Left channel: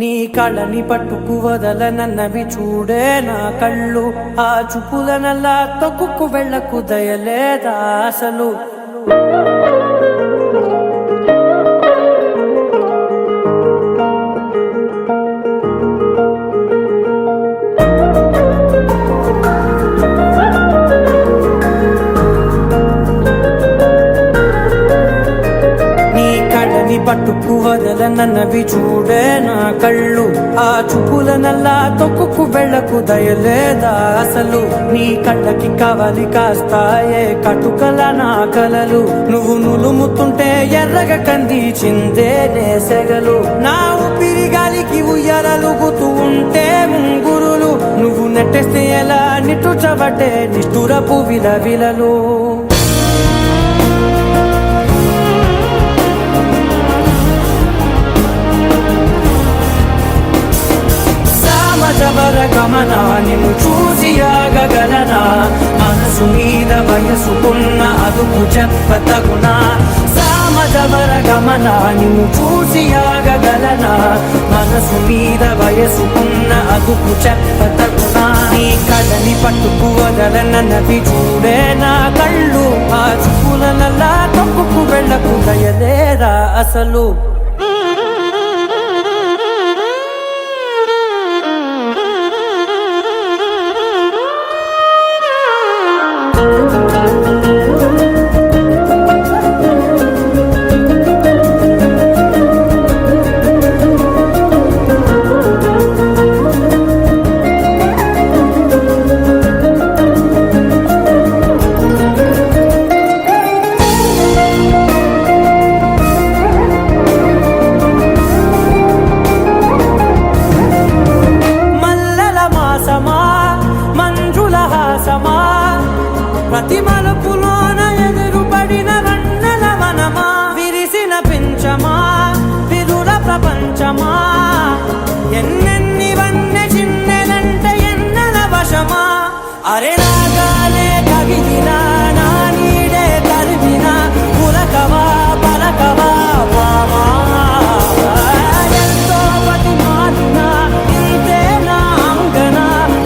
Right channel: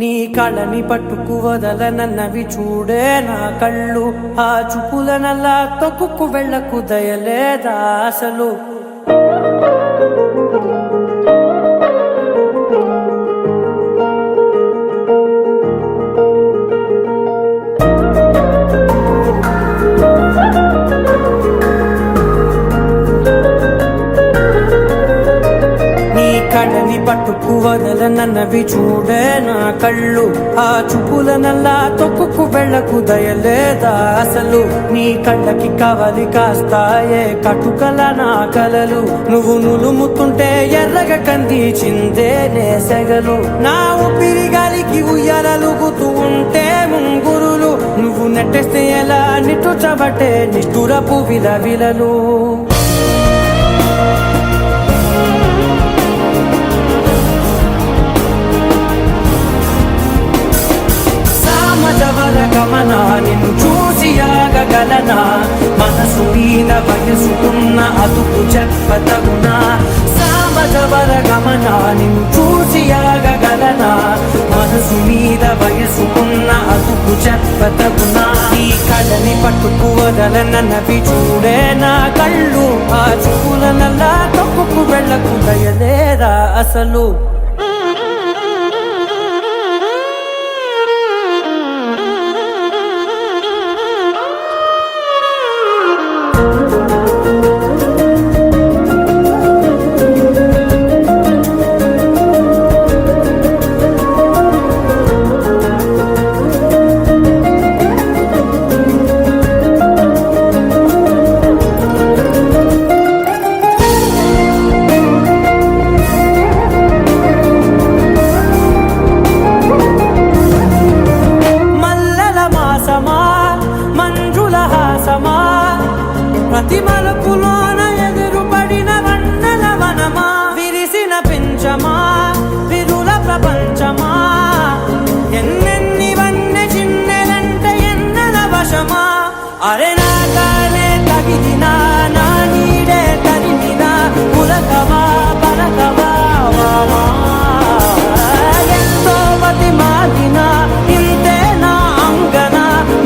నీ కళ్ళని పట్టుకు వదలనన్నవి చూడే నా కళ్ళు, ఆ చూపులనల్లా తొక్కుకు వెళ్ళకు దయలేదా అసలు. కళ్ళని పట్టుకు వదలనన్నవి చూడే నా కళ్ళు, ఆ చూపులనల్లా తొక్కుకు వెళ్ళకు దయలేదా అసలు. నీ కళ్ళకి కవలి కాస్తాయే కటుకల నా కలలు, నువ్వు నులుముతుంటే ఎర్రగ కందిచిందే నేసెగలు. నా ఊపిరి గాలికి ఉయ్యాలలుగుతూ ఉంటే ముంగురులు, నువ్వు నెట్టేస్తే ఎలా నిట్టుచబట్టే నిష్ఠురపు విలవిలలు. గమనా నిన్ను చూసి ఆగగలనా, మనసు మీద వయసుకున్న అదుపు చెప్పతగునా. సామజవర గమనా నిన్ను చూసి ఆగగలనా, మనసు మీద వయసుకున్న అదుపు చెప్పతగునా. నీ కళ్ళని పట్టుకు వదలనన్నవి చూడే నా కళ్ళు, ఆ చూపులనల్లా తొక్కుకు వెళ్ళకు దయలేరా అసలు. మంజుల హాసమా ప్రతి మలుపులోన ఎదురుపడిన వన్నెల వనమా, విరిసిన పించమా విరుల ప్రపంచమా, ఎన్నెన్ని వన్నె చిన్నెలంటే ఎన్నెల వశమా. అరే నాగాలే తగిలినా నా నీడే తరిగినా, పులకవా పలకవా వామా, ఎంతో మతి మాటినా ఇంతే నా అంగన,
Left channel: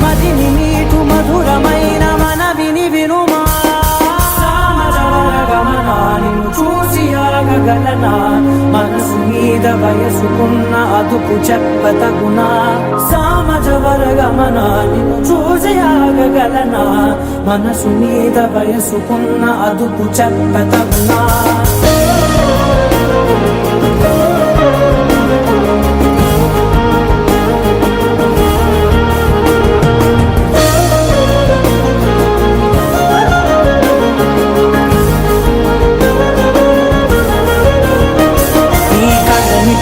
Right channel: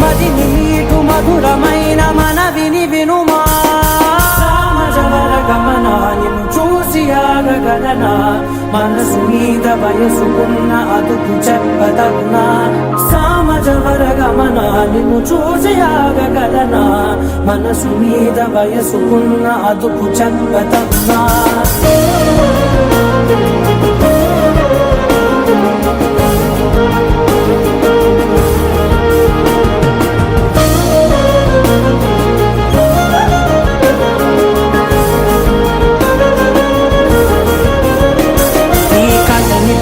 మదిని మీటు మధురమైన మనవిని వినుమా. సామజవర గమనా నిన్ను చూసి ఆగగలనా, మనసు మీద వయసుకున్న అదుపు చెప్పదగునా. సామజవర గమనా నిన్ను చూసి ఆగగలనా, మనసు మీద వయసుకున్న అదుపు చెప్పదగునా.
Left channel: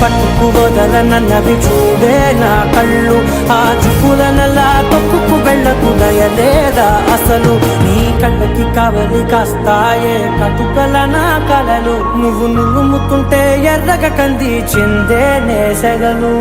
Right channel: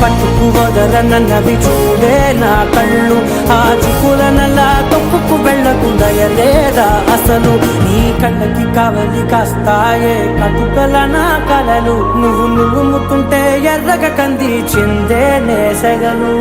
పట్టుకు వదలనన్నవి చూడే నా కళ్ళు, ఆ చూపులనల్లా తొక్కుకు వెళ్ళకు దయలేదా అసలు. నీ కళ్ళకి కవలి కాస్తాయే కటుకల నా కలలు, నువ్వు నులుముతుంటే ఎర్రగ కందిచిందే నేసెగలు.